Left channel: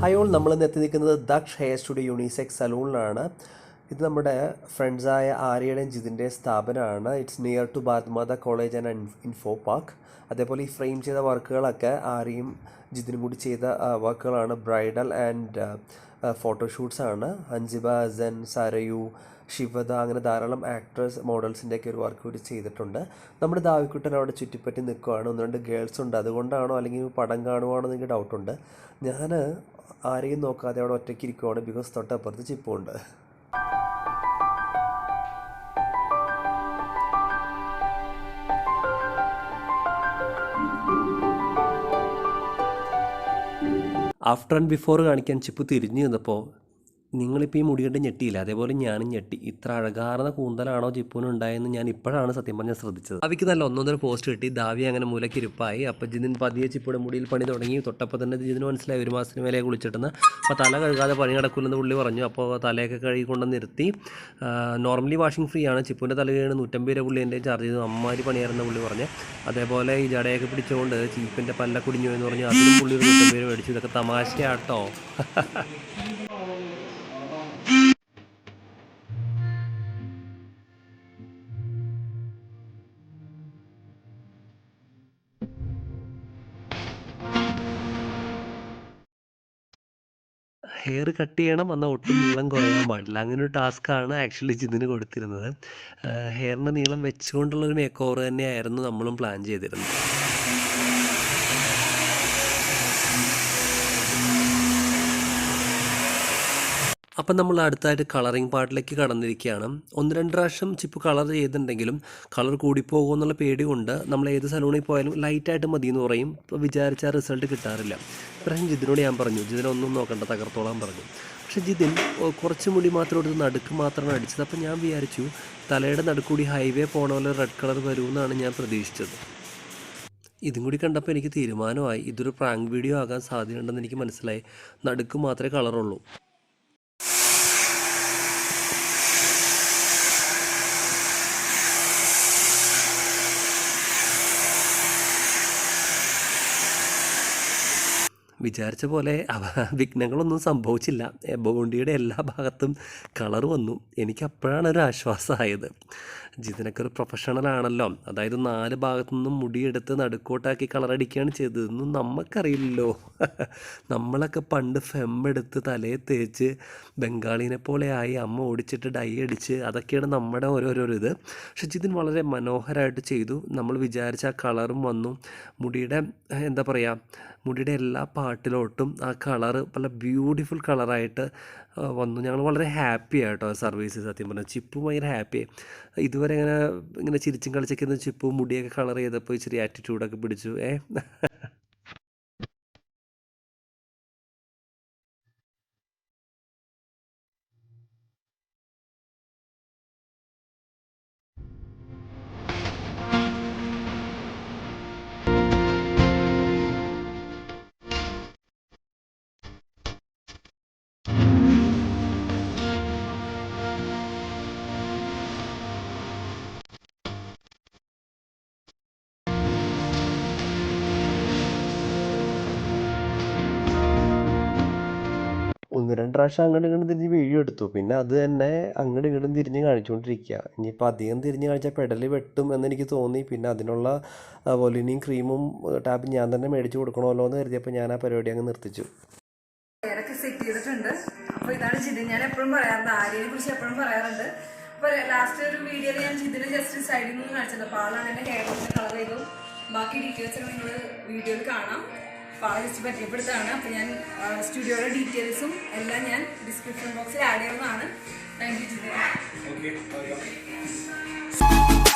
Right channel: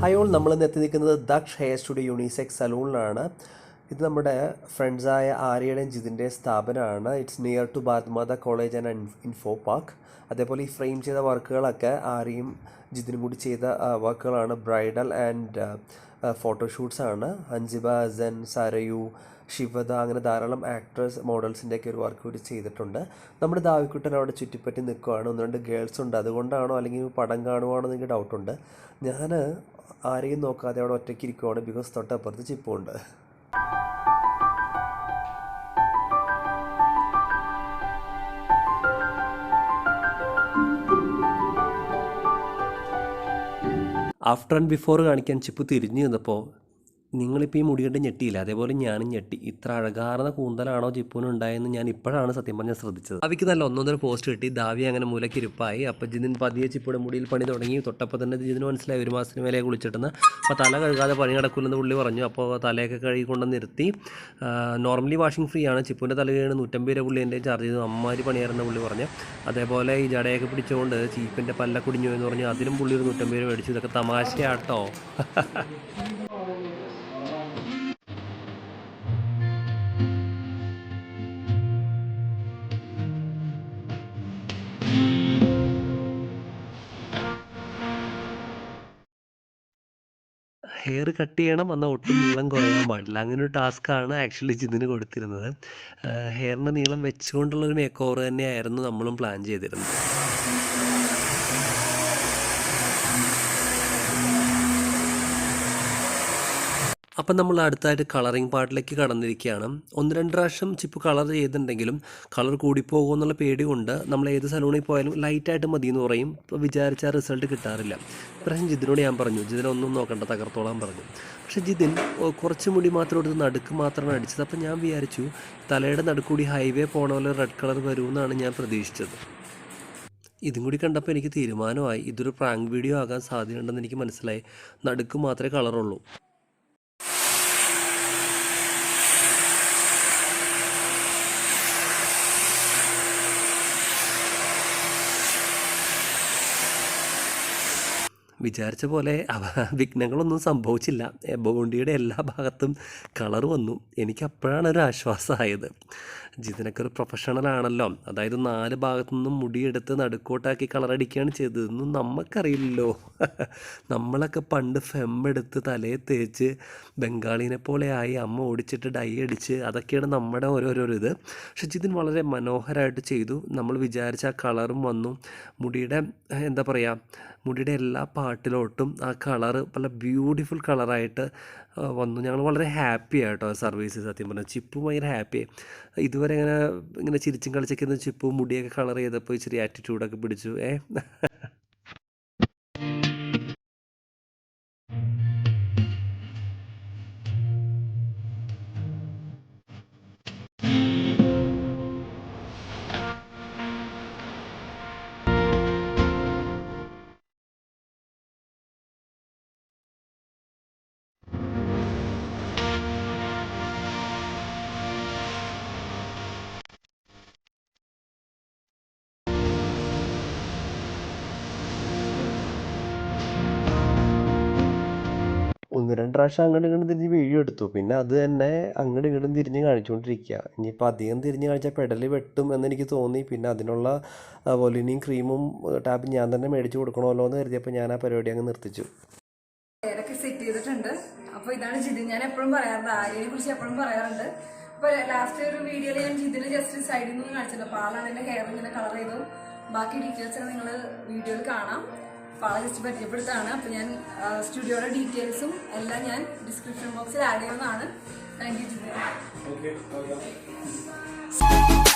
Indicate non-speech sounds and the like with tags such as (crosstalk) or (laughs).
Hi all നമ്മൾ ഇന്ന് എത്തി നിൽക്കുന്നത് ദക്ഷ് ഹെയർ സ്റ്റുഡിയോ യൂണിസെക്സ് സലൂണിലാണ്. ഇത് നമ്മുടെ ഫ്രണ്ട്സായ ആര്യയുടെയും ജിതിന്റെയും സ്ഥാപനമാണ്. It's near to Bharatmata college and info park അതേപോലെ ഈ ഫ്രെയിം ചെയ്ത വർക്കുകളൊക്കെ ആര്യയും ജിതിനും കൂടി ചെയ്ത വർക്കുകളാണ്. ബ്രൈഡൽ ആൻഡ് ഫോട്ടോഷൂട്ട്സ് ആണ്. അഞ്ജിബ അസൻ സരയു ശിവദ അങ്ങനെ ധാരാളം ആക്ട്രസ് മോഡൽസിന്റെയൊക്കെ ഒരു വർക്ക് കൂടി ചെയ്തിട്ടുണ്ട്. നമ്മുടെ ദാവിക്കുട്ടൻ അവിടെ ചുറ്റിപ്പറ്റി നിൽക്കുകയാണ് ഒന്ന് രണ്ട് ഗേൾസ് ഉണ്ട്. അതുകൊണ്ടാണോ അല്ലെങ്കിൽ പടം കാണുവാണോ എന്ന് ഡൗട്ടുണ്ട് ഞാൻ ആരെയും നോക്കാതെ അവിടെ ഒറ്റയ്ക്ക് ഇരിക്കുവാണ്. ബിക്കോസ് തൊട്ടപ്പുറത്ത് ചിപ്പുണ്ട്. ആഫ്റ്റർ ആൻഡ് ബിഫോർ കാണിക്കാൻ ചിപ്പ് തിരിഞ്ഞു നിന്നപ്പോൾ നിങ്ങളിപ്പോൾ ഈ മുടി കണ്ട് ഞെട്ടിയില്ല? അതേപോലെ ഞാനും ഞെട്ടി. ഇത്ര അഴകാർന്ന കൂന്തലാണോ ജിപ്പൂന് ഉണ്ടായെന്ന് ഞാൻ ഇപ്പോഴാണ് സത്യം പറഞ്ഞാൽ ശ്രദ്ധിച്ചത്. അവയ്ക്ക് നല്ല ഒന്നൊന്നര പോസ്റ്റ് കിട്ടി. ദാവി അങ്ങനെ മൂലക്കിരിപ്പായി അപ്പോൾ ജിതിൻ പതിയെ ചിപ്പുടെ. മുടിയിൽ പണി തുടങ്ങി. തൊട്ടപ്പോൾ തന്നെ ജിതിന് മനസ്സിലായി. ഒരു മാസത്തിന് മേലെ കുളിച്ചിട്ടെന്ന് അപ്പോൾ തല കഴുകാതെ പണി നടക്കില്ലെന്ന് പുള്ളി പറഞ്ഞു. അപ്പോൾ തലയൊക്കെ കഴുകി കൊണ്ട് നിർത്തി നോർമലി വാഷിംഗ് ഫ്രീ ആണ്. ചിപ്പൂന്റെ തല കഴുകി നൂറ്റമ്പത് രൂപ പുള്ളി എന്റെ ചാർജ് ചെയ്തു. അമ്മാരി പണിയായിരുന്ന പുള്ളി പറഞ്ഞു. അതേപോലെ ഈ ജടയൊക്കെ പിടിച്ചുകൊണ്ട് ചീപ്പിന്റെ പല്ല കുടിഞ്ഞു എന്ന് പറഞ്ഞു. അതിലും പുള്ളി ഒരു നൂറ്റമ്പത് രൂപ മേടിച്ചു. ഇതൊക്കെ തമാശയാട്ടോ. (laughs) ഹെയർ കട്ട് ചെയ്യണം എന്നാൽ ഒട്ടും നീളം കുറയാൻ പാടില്ല. അങ്ങനെ ഒരു ടാസ്ക്കാണ് ആക്ച്വലി ജിതിന് കൊടുത്തിരുന്നത്. ഹെയറിന്റെ നീളം വെച്ചുകൊണ്ടുള്ളൊരു മേക്ക് ഓവർ തന്നെയായിരുന്നു നമ്മളും പ്ലാൻ ചെയ്തിരുന്നത്. അപ്പം നമ്മൾ അടുത്തായിട്ട് കളറിങ് പാർട്ടിലേക്ക് കടന്നിരിക്കുകയാണ്. ഒന്ന് രണ്ട് പ്രാവശ്യം ചിപ്പ് കളർ ചെയ്തിട്ടുണ്ടെങ്കിലും കളർ കൂടിപ്പോകുമോ എന്നുള്ള പേടി കൊണ്ട് നമ്മൾ ഏത് സലൂണിൽ പോയാലും ലൈറ്റായിട്ട് മതി എന്ന് പറയും. ഇപ്പോൾ വിചാരിച്ച റിസൾട്ട് കിട്ടാറില്ല. ഇപ്രാവശ്യം ജിതിനോട് ഞാൻ പറഞ്ഞു. ജിതിനൊന്നും നോക്കണ്ട തകർത്തോളാൻ പറഞ്ഞു. പക്ഷേ ജിതിൻ കുറച്ച് മുടി മാത്രം എടുത്ത് നടുക്ക് മാത്രമാണ് അടിച്ചത്. അപ്പം ഞാൻ വിചാരിച്ചു തലയുടെ നടുക്കൂടി ഹൈവേ പോണ പോലെ റെഡ് കളർ വരുമെന്നാണ് ഞാൻ പ്രതീക്ഷിച്ചത്. ഇതും കൂടി കണ്ടപ്പോൾ എനിക്ക് തീരുമാനമായി. ഇതൊരു പ്രാങ്ക് വീഡിയോ ആകാൻ സാധ്യതയുണ്ടെന്ന് എനിക്ക് മനസ്സിലായി. നടുക്ക് മാത്രമേ കളറുള്ളൂ വിചാരിച്ച പോലെ അവ (laughs) വിഘ്നങ്ങളൊന്നും സംഭവിച്ചില്ല. ബോണ്ടിയുടെ എല്ലാ ഭാഗത്തും കളർ വന്നു. എനിക്ക് അപ്പോഴാണ് ഒരു ആശ്വാസമായത്. ജിതിനൊക്കെ ഒരു പ്രൊഫഷണൽ ആണല്ലോ. അതായത് നാല് ഭാഗത്തു നിന്നും മുടിയെടുത്ത് നടുക്കോട്ടാക്കി കളറടിക്കുകയാണ് ചെയ്തതെന്നും നമുക്കറിയില്ലല്ലോ (laughs) നമ്മളൊക്കെ പണ്ട് ഫെം എടുത്ത് തലയെ തേച്ച് ബംഗാളിനെ പോലെ ആയി അമ്മ ഓടിച്ചിട്ട് ഡൈ അടിച്ച് അതൊക്കെയാണ് നമ്മുടെ ഓരോരോ ഇത്. പക്ഷെ ജിതിൻ വളരെ മനോഹരമായിട്ട് ചെയ്തു. നമ്മൾ വിചാരിച്ച ആ കളറും വന്നു. മുടിയുടെ എന്താ പറയുക മുടിയുടെ എല്ലാ പാട്ടിലോട്ടും ആ കളറ് നല്ല ബ്യൂട്ടിഫുൾ കളറായിട്ട് വന്നു. ഞങ്ങൾ വളരെ ഹാപ്പി ആയിട്ടോ സർവീസ് സത്യം പറഞ്ഞാൽ ചിപ്പും ഭയങ്കര ഹാപ്പി ഇതുവരെ ഇങ്ങനെ ഇങ്ങനെ ചിരിച്ചും കളിച്ചൊക്കെ ചിപ്പും മുടിയൊക്കെ കളർ ചെയ്തപ്പോൾ ഇച്ചിരി ആറ്റിറ്റ്യൂഡൊക്കെ പിടിച്ചു. ഏ? ഒന്ന് രണ്ട് പ്രാവശ്യം അങ്ങോട്ടും ഇങ്ങോട്ടും തിരിഞ്ഞ് വീഡിയോ എടുത്തു. പിന്നെ അത് തന്നെ അങ്ങോട്ടും ഇങ്ങോട്ടും തിരിഞ്ഞ് കാണിച്ചുകൊണ്ടിരിക്കുക ഇനിയിപ്പോൾ അധികം തിരിഞ്ഞ് കാണിച്ചാൽ പെടൽ വെട്ടും എന്നെനിക്ക് തോന്നി. പിന്നെ അതിനുള്ള വൊലിനിയും ക്രീമും ടാപ്പ് ഞാൻ തന്നെ മേടിച്ച് കൊടുക്കണമല്ലോ എന്ന് കരുതിയപ്പോൾ ഞാൻ ആ പരിപാടി അങ്ങ് നിർത്തിച്ചു. സെറ്റ് ചെയ്തിട്ടുണ്ട്. അപ്പോൾ ഇതാണ് ജിതിൻ. ഞാൻ എപ്പോഴും പറയാറുണ്ട് ആര്യനെ കുറിച്ച് എപ്പോഴും പറയാറുണ്ട്. അപ്പോൾ ലാസ്റ്റ് ഒരു വീഡിയോയിൽ ഞാൻ ജിതിന് ജസ്റ്റ് സൈഡിൽ നിന്ന് കാണിച്ചത് അപ്പോൾ ആളാണ് എന്റെ ഹെയർ കളർ ചെയ്തു. ബാക്കി ഡീറ്റെയിൽസ് ഒക്കെ നിങ്ങൾ വീഡിയോയിൽ കാണാം. ജസ്റ്റ് പരിചയപ്പെടുത്താണ് അപ്പൊ ഞാൻ സ്റ്റുഡിയോയുടെ ഡീറ്റെയിൽസും എല്ലാം ഞാൻ ഡിസ്ക്രിപ്ഷൻ ബോക്സിൽ ആഡ് ചെയ്യുന്നതാണ്. Thank you